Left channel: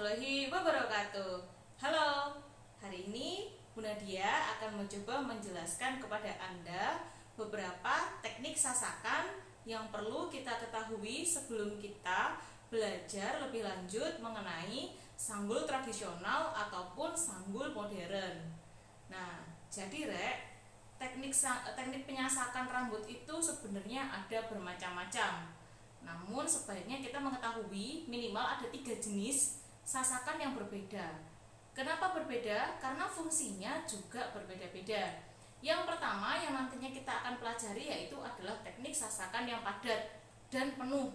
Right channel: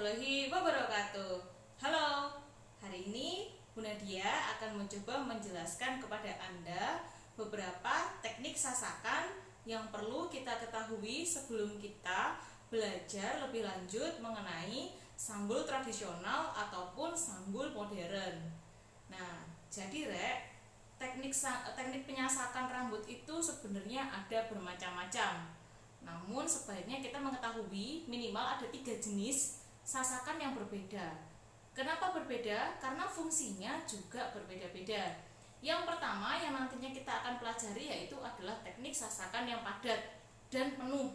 warahmatullahi wabarakatuh. Halo, hari ini Bu Nadia akan mencoba menjelaskan kepada Anda beberapa teknik sasakan yang perlu kita ketahui sebelum kita belajar lebih lanjut mengenai sanggul tradisional ataupun sanggul modern. Nah, jadi teknik penyasakan rambut itu sebenarnya ada bermacam-macam. Namun sebaiknya kita mengetahui minimal ada 3 jenis sasakan yang berbeda. Kenapa berbeda? Karena fungsinya juga berbeda-beda. Yang pertama yang nantinya kita akan pelajari yaitu adalah teknik sasakan yang padat dan penuh.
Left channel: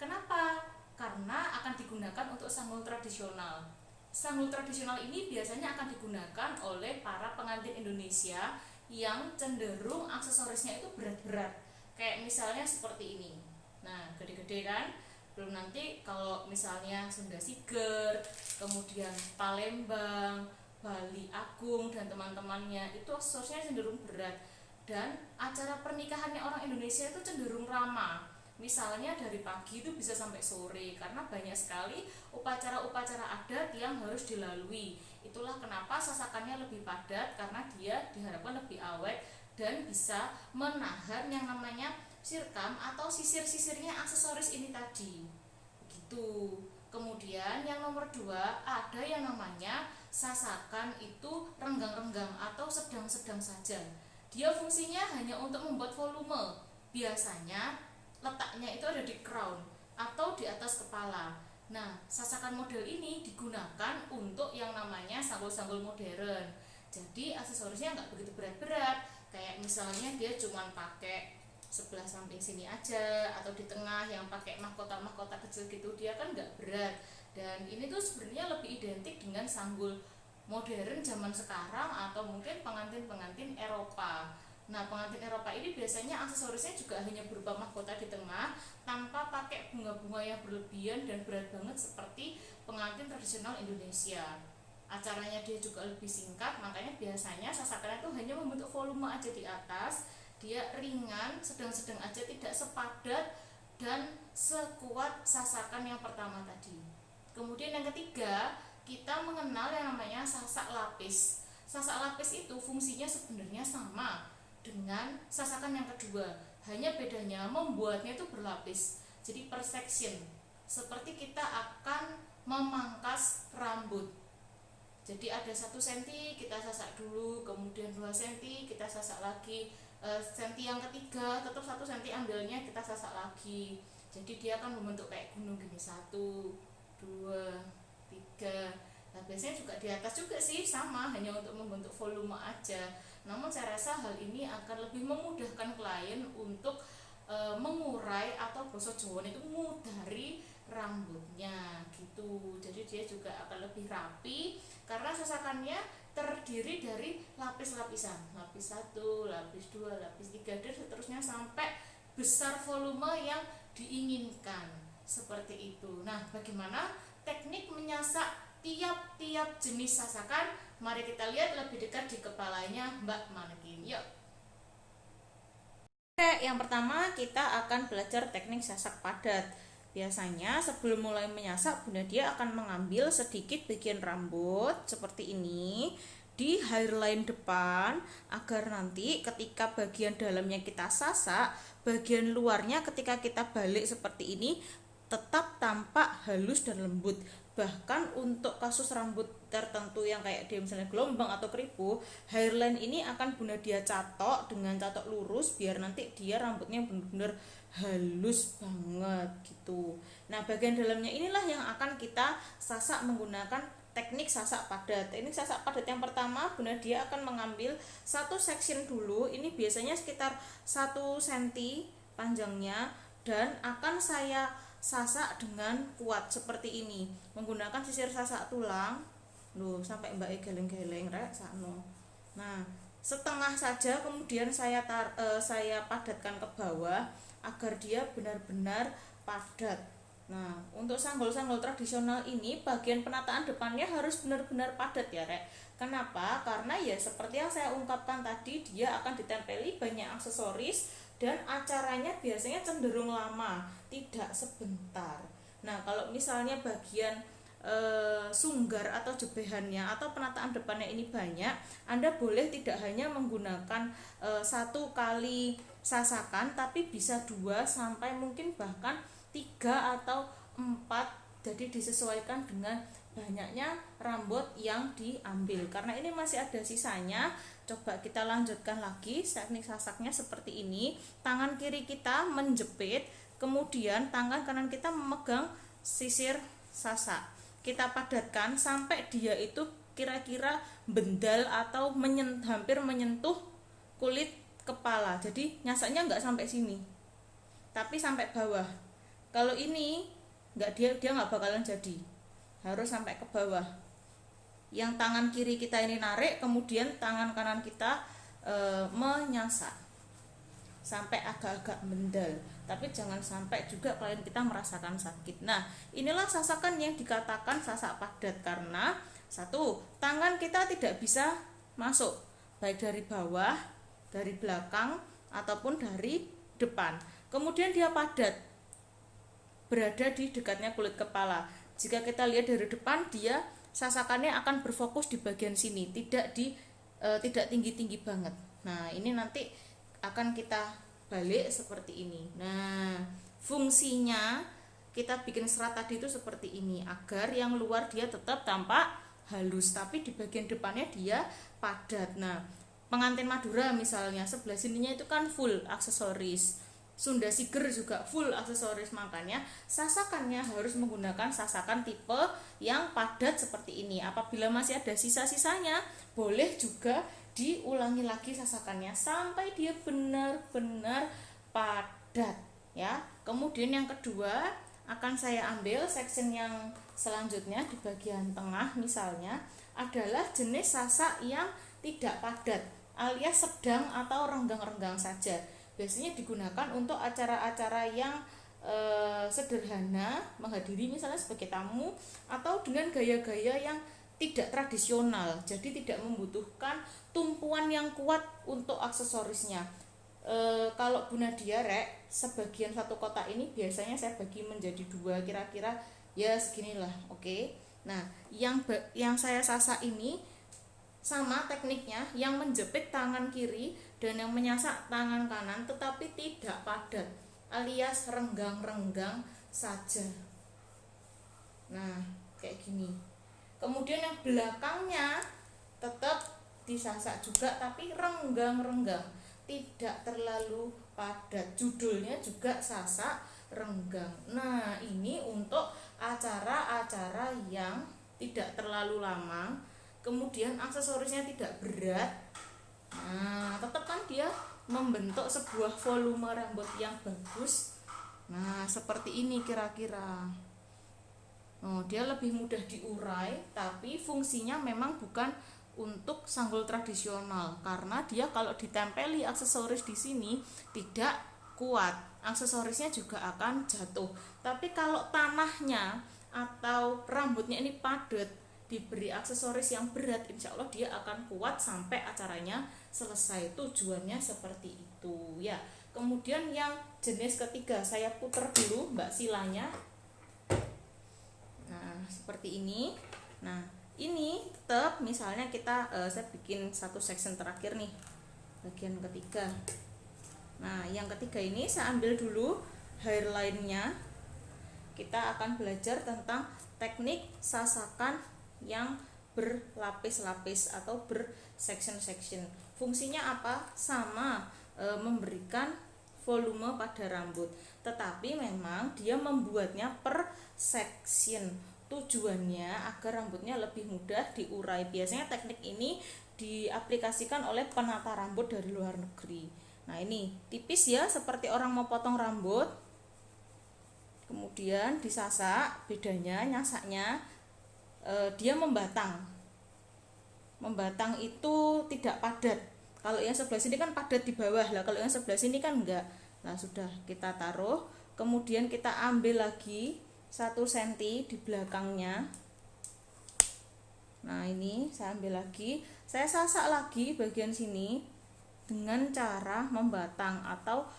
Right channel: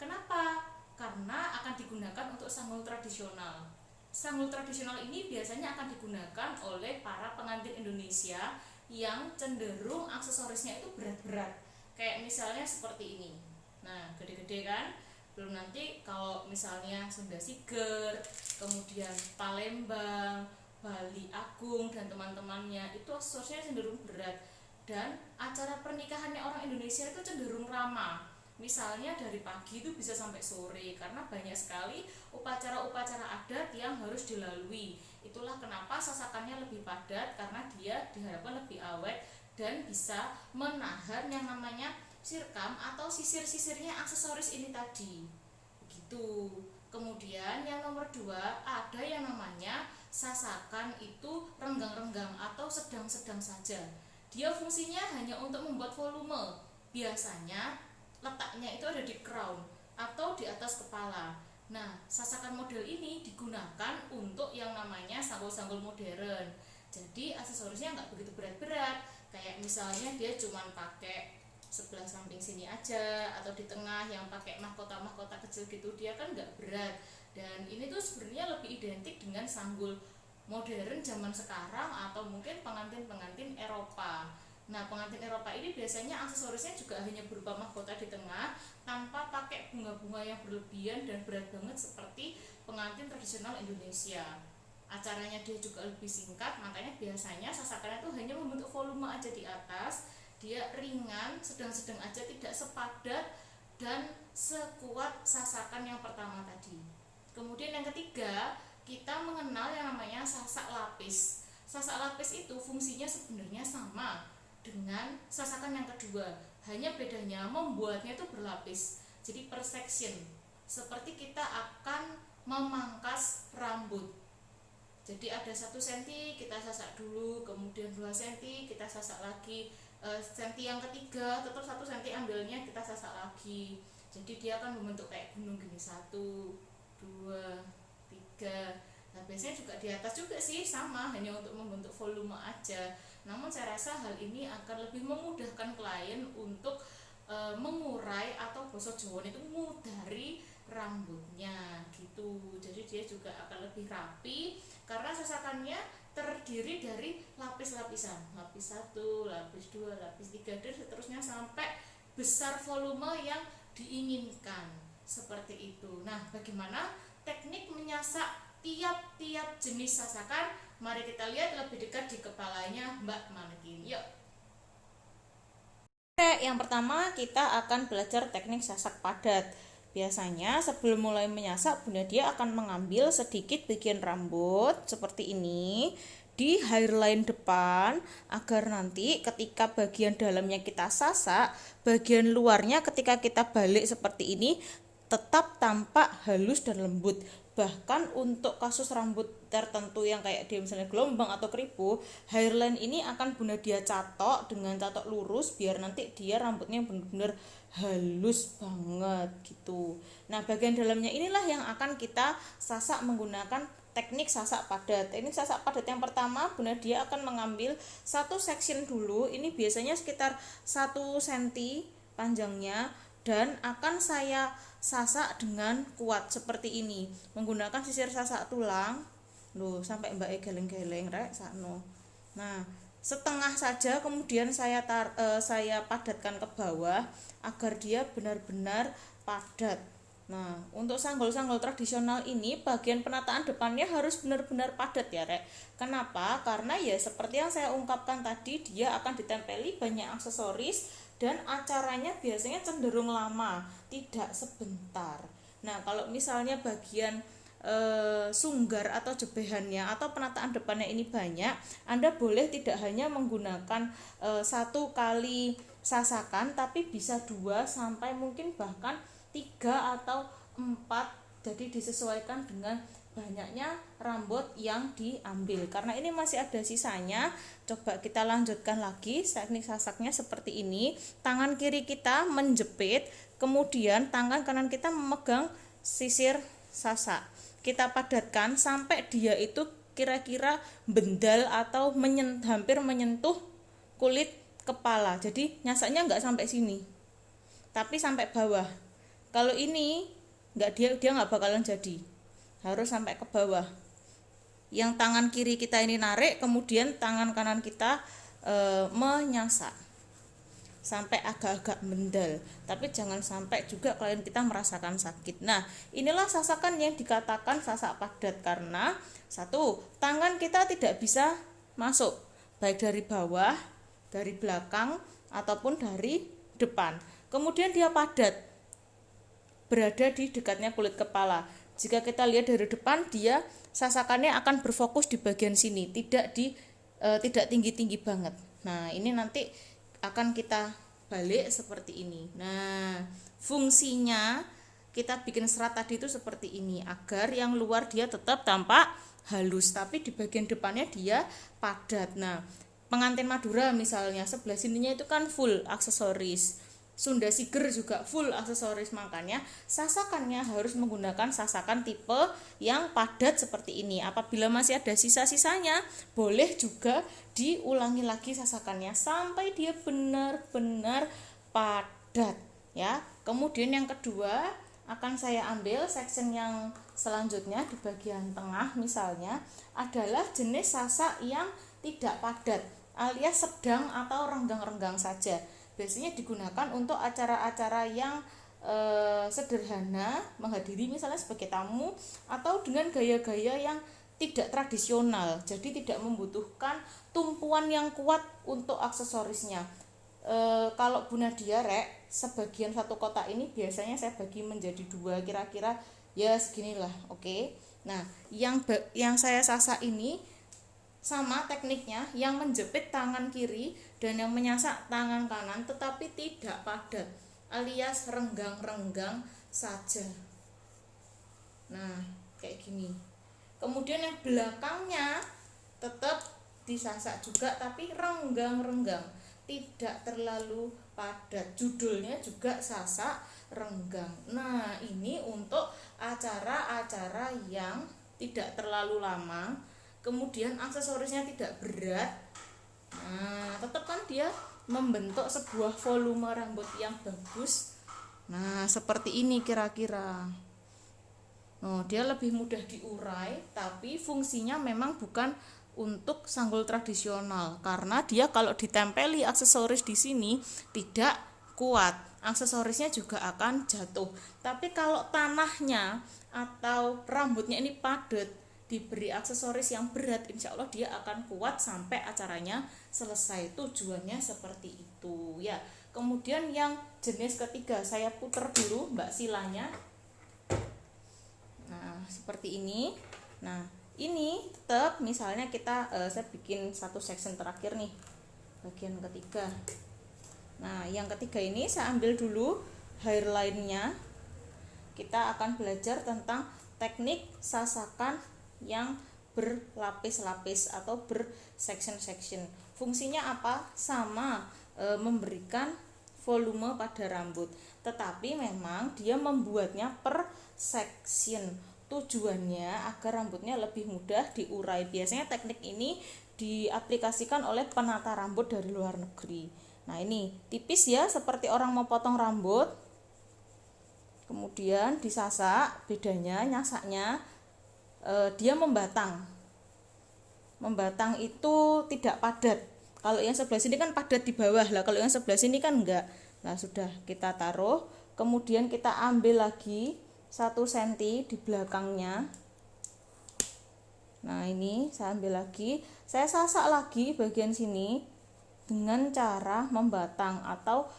Kenapa? Karena akan digunakan untuk sanggul tradisional. Sanggul tradisional ini biasanya akan digunakan oleh para pengantin Indonesia yang cenderung aksesorisnya itu berat-berat. Kayak misalnya seperti ini. Nah, gede-gede kan? Belum nanti kalau misalnya Sunda Siger, kemudian Palembang, Bali Agung dan teman-temannya itu aksesorisnya cenderung berat. Dan acara pernikahannya orang Indonesia itu cenderung ramah. Misalnya dari pagi itu bisa sampai sore karena banyak sekali upacara-upacara adat yang harus dilalui. Itulah kenapa sasakannya lebih padat karena dia diharapkan lebih awet dan bisa menahan yang namanya sirkam atau sisir-sisirnya aksesoris ini tadi. Begitu. Kemudian yang nomor 2 ada yang namanya sasakan itu renggang-renggang atau sedang-sedang saja. Dia fungsinya hanya untuk membuat volume. Biasanya letaknya itu ada di crown atau di atas kepala. Nah, sasakan model ini digunakan untuk yang namanya sanggul-sanggul modern. Jadi aksesorisnya nggak begitu berat-berat. Kayak misalnya dia cuma pakai sebelah samping sini aja atau di tengah yang pakai mahkota-mahkota kecil gitu, dia kan nggak berat. Dan ini tuh sebenarnya lebih identik dengan sanggul modern zaman sekarang atau mungkin pengantin-pengantin Eropa. Nah, pengantin Eropa ini biasanya aksesorisnya juga hanya berupa mahkota di tengah tanpa pakai bunga-bunga yang berlebihan dan berat banget seperti pengantin tradisional Indonesia. Acaranya dia juga lebih singkat, makanya biasanya sasakannya itu hanya membentuk volume aja di atas. Dia ringan, sedang-sedang aja, tidak sepadat dan sekuat sasakan yang pertama tadi. Kemudian yang ketiga, kita mengenal yang namanya sasak lapis. Sasak lapis itu fungsinya sebenarnya sama dengan sasakan yang kedua, hanya bedanya membuatnya itu berlapis. Jadi per section, seperti kita akan memangkas rambut. Jadi ada 1 cm kita sasak dulu, kemudian 2 cm kita sasak lagi, senti yang ketiga tetap 1 cm ambilnya kita sasak lagi. Jadi dia akan membentuk kayak gunung gini, 1, 2, 3. Nah, biasanya juga di atas juga sih sama, hanya untuk membentuk volume aja. Namun saya rasa hal ini akan lebih memudahkan klien untuk mengurai atau basa Jawa itu mudari rambutnya gitu. Jadi dia juga akan lebih rapi karena sasakannya terdiri dari lapis-lapisan, lapis 1, lapis 2, lapis 3 dan seterusnya sampai besar volume yang diinginkan seperti itu. Nah, bagaimana teknik menyasak tiap-tiap jenis sasakan? Mari kita lihat lebih dekat di kepalanya Mbak Manekin. Yuk. Oke, yang pertama kita akan belajar teknik sasak padat. Biasanya sebelum mulai menyasak, Bunda Dia akan mengambil sedikit bagian rambut seperti ini di hairline depan agar nanti ketika bagian dalamnya kita sasak, bagian luarnya ketika kita balik seperti ini tetap tampak halus dan lembut. Bahkan untuk kasus rambut tertentu yang kayak dia misalnya gelombang atau keripu, hairline ini akan Bunda Dia catok dengan catok lurus biar nanti dia rambutnya benar-benar halus banget gitu. Nah, bagian dalamnya inilah yang akan kita sasak menggunakan teknik sasak padat. Teknik sasak padat yang pertama, Bunda Dia akan mengambil 1 section dulu. Ini biasanya sekitar 1 cm panjangnya dan akan saya sasak dengan kuat seperti ini menggunakan sisir sasak tulang. Loh, sampai Mbak geleng-geleng rek sakno. Nah, setengah saja kemudian saya padatkan ke bawah agar dia benar-benar padat. Nah, untuk sanggul-sanggul tradisional ini bagian penataan depannya harus benar-benar padat ya rek. Kenapa? Karena ya seperti yang saya ungkapkan tadi, dia akan ditempeli banyak aksesoris dan acaranya biasanya cenderung lama, tidak sebentar. Nah, kalau misalnya bagian sunggar atau jebehannya atau penataan depannya ini banyak, Anda boleh tidak hanya menggunakan satu kali sasakan, tapi bisa 2 sampai mungkin bahkan 3 atau 4. Jadi disesuaikan dengan banyaknya rambut yang diambil. Karena ini masih ada sisanya, coba kita lanjutkan lagi. Teknik sasaknya seperti ini. Tangan kiri kita menjepit, kemudian tangan kanan kita memegang sisir sasak. Kita padatkan sampai dia itu kira-kira bendal atau hampir menyentuh kulit kepala. Jadi nyasaknya nggak sampai sini, tapi sampai bawah. Kalau ini nggak, dia nggak bakalan jadi, harus sampai ke bawah. Yang tangan kiri kita ini narik, kemudian tangan kanan kita menyasak sampai agak-agak mendal, tapi jangan sampai juga klien kita merasakan sakit. Nah, inilah sasakan yang dikatakan sasak padat, karena satu, tangan kita tidak bisa masuk baik dari bawah, dari belakang ataupun dari depan. Kemudian dia padat, berada di dekatnya kulit kepala. Jika kita lihat dari depan, dia sasakannya akan berfokus di bagian sini, tidak tinggi-tinggi banget. Nah, ini nanti akan kita balik seperti ini. Nah, fungsinya kita bikin serat tadi itu seperti ini, agar yang luar dia tetap tampak halus, tapi di bagian depannya dia padat. Nah, pengantin Madura misalnya, sebelah sininya itu kan full aksesoris. Sunda Siger juga full aksesoris, makanya sasakannya harus menggunakan sasakan tipe yang padat seperti ini. Apabila masih ada sisa-sisanya, boleh juga diulangi lagi sasakannya sampai dia benar-benar padat ya. Kemudian yang kedua, akan saya ambil section yang selanjutnya di bagian tengah misalnya, adalah jenis sasak yang tidak padat alias sedang atau renggang-renggang saja. Biasanya digunakan untuk acara-acara yang sederhana, menghadiri misalnya sebagai tamu, atau dengan gaya-gaya yang tidak tradisional, jadi tidak membutuhkan tumpuan yang kuat untuk aksesorisnya. Kalau Bu Nadia rek, sebagian satu kotak ini biasanya saya bagi menjadi 2, kira-kira ya seginilah, oke. Nah, yang saya sasak ini sama tekniknya, yang menjepit tangan kiri dan yang menyasak tangan kanan, tetapi tidak padat alias renggang-renggang saja. Nah, kayak gini. Kemudian yang belakangnya tetap disasak juga, tapi renggang-renggang, tidak terlalu padat. Judulnya juga sasak renggang. Nah, ini untuk acara-acara yang tidak terlalu lama, kemudian aksesorisnya tidak berat. Nah, tetap kan dia membentuk sebuah volume rambut yang bagus. Nah, seperti ini kira-kira. Dia lebih mudah diurai, tapi fungsinya memang bukan untuk sanggul tradisional, karena dia kalau ditempeli aksesoris di sini tidak kuat, aksesorisnya juga akan jatuh. Tapi kalau tanahnya atau rambutnya ini padat, diberi aksesoris yang berat, insya Allah dia akan kuat sampai acaranya selesai. Tujuannya seperti itu ya. Kemudian yang jenis ketiga, saya putar dulu Mbak silanya. Nah, seperti ini. Nah, ini tetap misalnya kita saya bikin satu section terakhir nih, bagian ketiga. Nah, yang ketiga ini saya ambil dulu hairline-nya. Kita akan belajar tentang teknik sasakan yang berlapis-lapis atau bersection-section. Fungsinya apa? Sama, memberikan volume pada rambut, tetapi memang dia membuatnya per section. Tujuannya agar rambutnya lebih mudah diurai. Biasanya teknik ini diaplikasikan oleh penata rambut dari luar negeri. Nah, ini tipis ya, seperti orang mau potong rambut. Kemudian disasak, bedanya nyasaknya dia membatang. Membatang itu tidak padat. Kalau yang sebelah sini kan padat di bawah lah, kalau yang sebelah sini kan enggak. Nah, sudah kita taruh, kemudian kita ambil lagi 1 cm di belakangnya. Nah, ini saya ambil lagi, saya sasak lagi bagian sini dengan cara membatang atau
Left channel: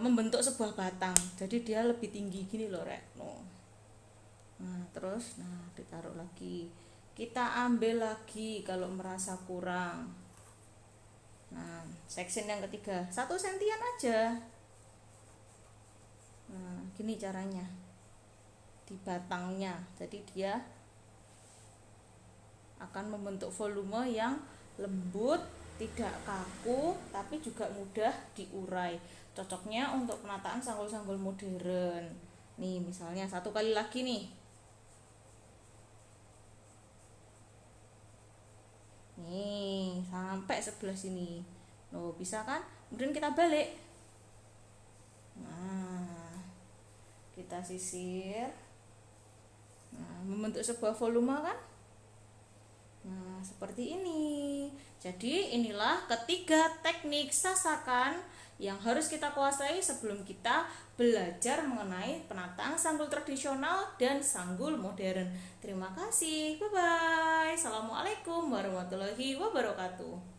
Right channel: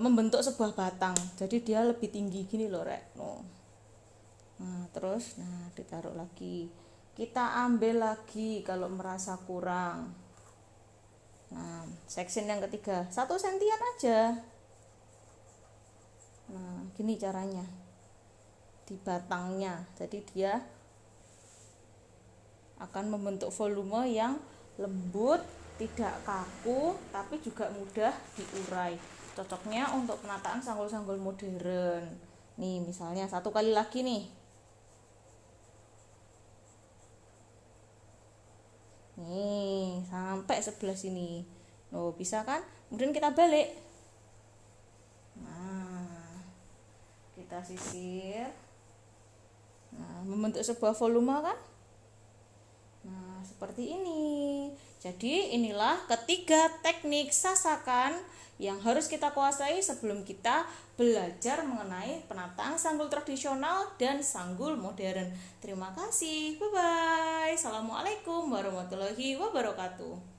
membentuk sebuah batang. Jadi dia lebih tinggi gini loh rek. Nah, terus ditaruh lagi. Kita ambil lagi kalau merasa kurang. Nah, section yang ketiga 1 sentian aja. Nah, gini caranya. Di batangnya. Jadi dia akan membentuk volume yang lembut, tidak kaku, tapi juga mudah diurai. Cocoknya untuk penataan sanggul-sanggul modern. Nih, misalnya 1 kali lagi nih. Nih, sampai sebelah sini. Loh, bisa kan? Kemudian kita balik. Nah, kita sisir. Nah, membentuk sebuah volume kan? Nah, seperti ini. Jadi, inilah ketiga teknik sasakan yang harus kita kuasai sebelum kita belajar mengenai penataan sanggul tradisional dan sanggul modern. Terima kasih. Bye-bye. Assalamualaikum warahmatullahi wabarakatuh.